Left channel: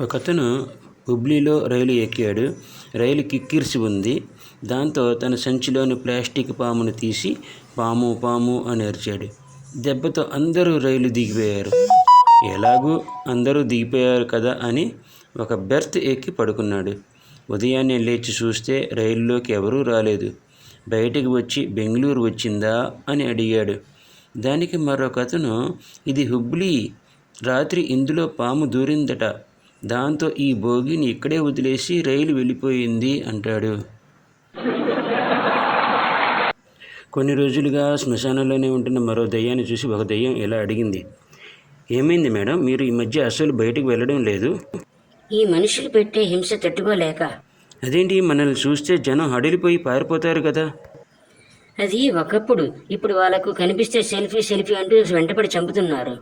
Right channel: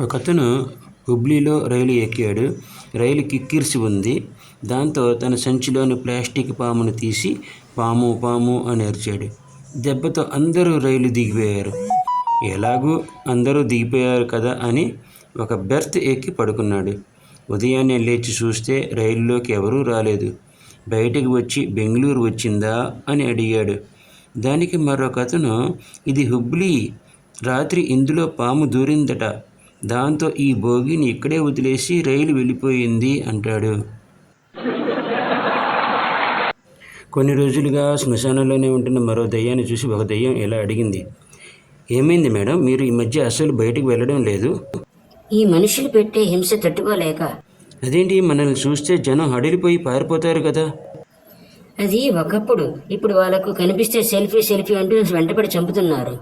ఒకతను హుబ్లీలో రైలు ఎక్కాడు. రైలు కిక్కిరిసి ఉంది. దాంతో తన సంచిలోని ప్లాస్టిక్ పామును తీసి పాము పాము అని అరిచాడు. దెబ్బతో అందరూ రైలు దిగిపోయారు. ఎలాగూ అందరూ దిగిపోయారు కదా అని ఒక బెర్త్ ఎక్కి పడుకున్నాడు. ఉదయాన్నే లేచి చూస్తే రైలులోకి ఎవరూ రాలేదు. బయటికి వచ్చి బెంగళూరు వచ్చిందా? అని అడిగాడు. దానికి మరొకతను ఇది హుబ్లీ. రాత్రి ఇందులో పాము దూరిందట. దాంతో ఈ భోగిని ఇక్కడే వదిలేసి రైలు వెళ్ళిపోయింది అంటాడు. కొన్ని రోజులుగా శ్మశానంలోనే ఉంటున్న మరో దయ్యాన్ని చూసి ఒక దయ్యం ఇలా అడిగింది ఏమైంది మేడం? మీరు ఈ మధ్య అసలు బయటకు వెళ్ళడం లేదు? ఈ మనుషులు పెట్టే హింస తట్టుకోలేక. అదేంటి? మనల్ని చూస్తే జనం హడిలిపోయి పారిపోతారు కదా. అది ఒకప్పుడు. ఇప్పుడు వాళ్ళకు కనిపిస్తే సెల్ఫీ సెల్ఫీ అంటూ వెంటపడి చంపుతున్నారు.